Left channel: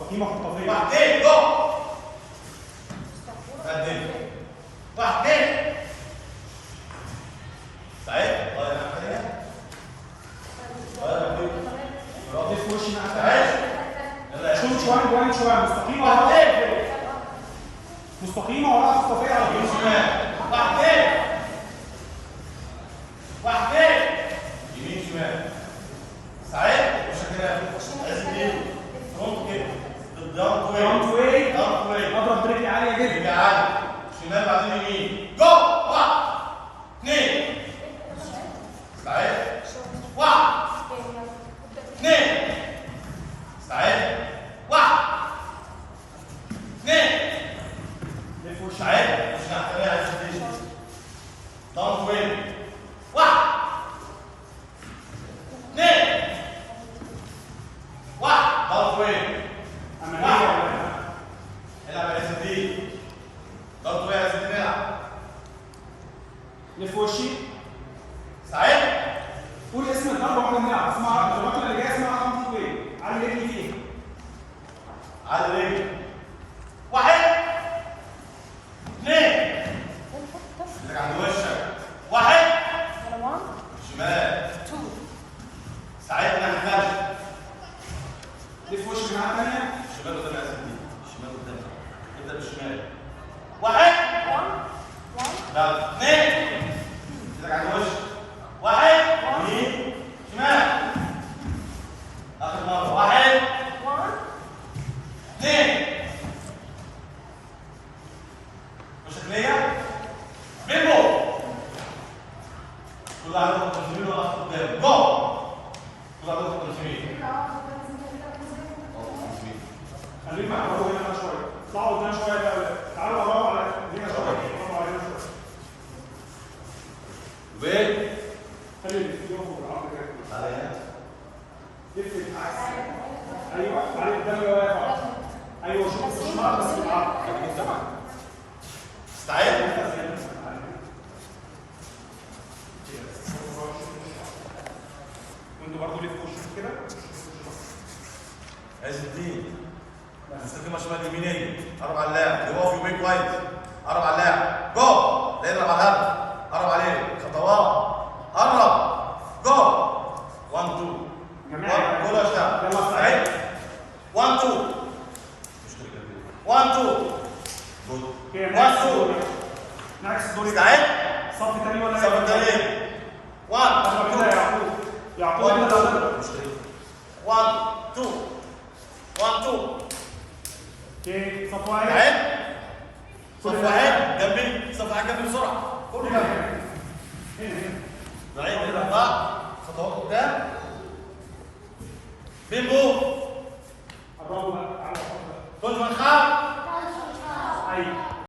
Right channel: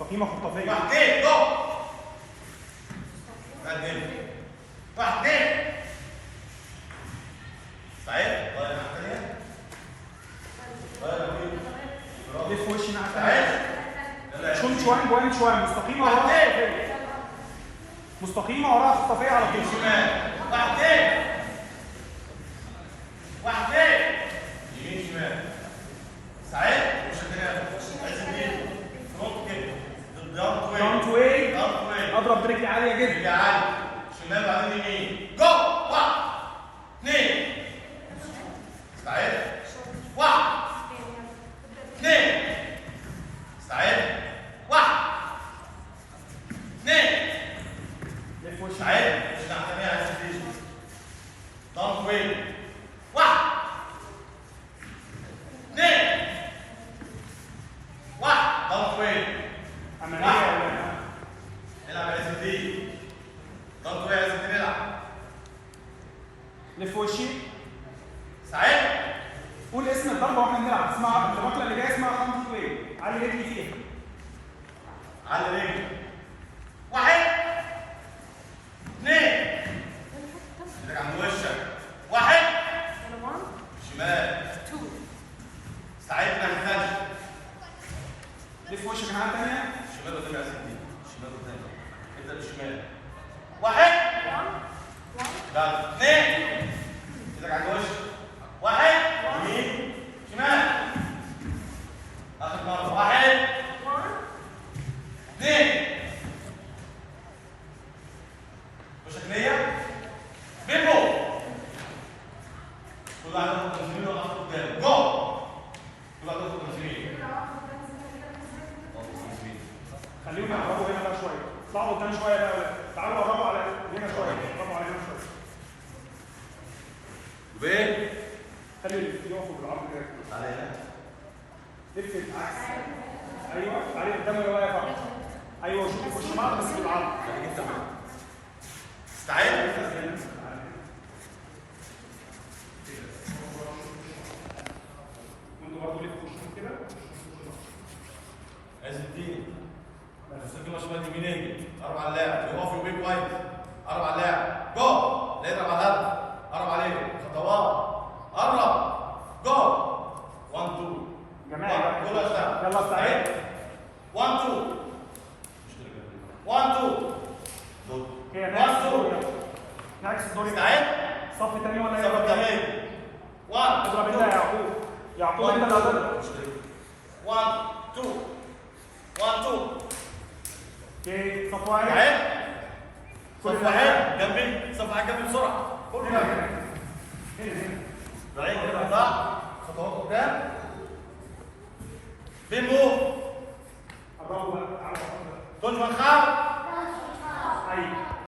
مستقيمه خطافيه. واحدين جو. قدم. واحدين. سعيد طيب يا حبيبي. طيب يا اخوي. لف وشي مع سعيد. يلا يا شوت شويه جوين شويه مستقيمه واحدين. مستقيمه وراها خطافيه على طول. شمال. واحدين. واحدين. يمين شمال. سعيد مش هتلاقي. لازم دي فرونت كده. داون تو واي. داون تو واي. اضرب برجلي عاليه جدا. رجع عالي. شمال بعدين يمين. جو. واحد. اثنين. سعيد. واحد. اثنين. سعيد. واحد. اثنين. لف وشي. سعيد مش هتلاقي عايز تيجي. داون تو واي. واحد. اثنين. واحد. داون تو واي. عمليه. العب يا اس دي. داون تو واي يا اس دي نلعب. لف وشي. سعيد. قول اسم الضربه واحنا بنلعب. اسمها الركله اللي جايه اسمها رقم ايه؟ علي رجلي فيها. على رجلي. واحد. اثنين. رجع عند وشك. واحد. شمال. سعيد من الخلف. لف وشي من الناحيه الثانيه. شمال قدام يا سيدي. شمال قدام. ابدا بالشمال. واحد. لا. اثنين. رجع عند وشك. واحد. يمين. شمال. اخر مره. واحد. اثنين. وشك ليا. بينجو. كل واحد ياخد 50 ولا اخد قدام. جو. كل واحد ياخد 50. خليهم يقربوا هنا بقى شويه. اطلعوا قدام شويه بقى. تعالوا قربوا على هنا شويه. قربوا على هنا شويه. وبين. خلي اللي في يقفوا بالعرض كده. تعالى هنا. لف العكس. ايوه تعالي قدام اللي واقف. ايوه شوف الشمال بس بالعرض. خليك انت معاك. استعد. انتوا برضه لفوا وشوف كده. عز الدين. مستقيمة شمال يمينية. قرب على اللاعب. يقف يومين كويس. قرب على اللاعب. جو. لا يضرب على الهدف. قرب عليه. خطوات. قرب. جو. 1 2. جماعه جول يا شباب. يلا استعد. 1 2. مشكلة كده. 1 2. جول. 1 2. نعكس الدور. استعد. صف تاني ولا صف التاني. 1 2. يعقوب انت بقى. 1 2. 1 2. اوكي صف واحد. عد. صف واحد جنبي. صف واحد جنبي بسرعة. كله جنبي. هنا. بعيد كده بقى. خطوات قدام. بيمبو. قربوا بقى. تعالوا. كنت من خاف. ايوه.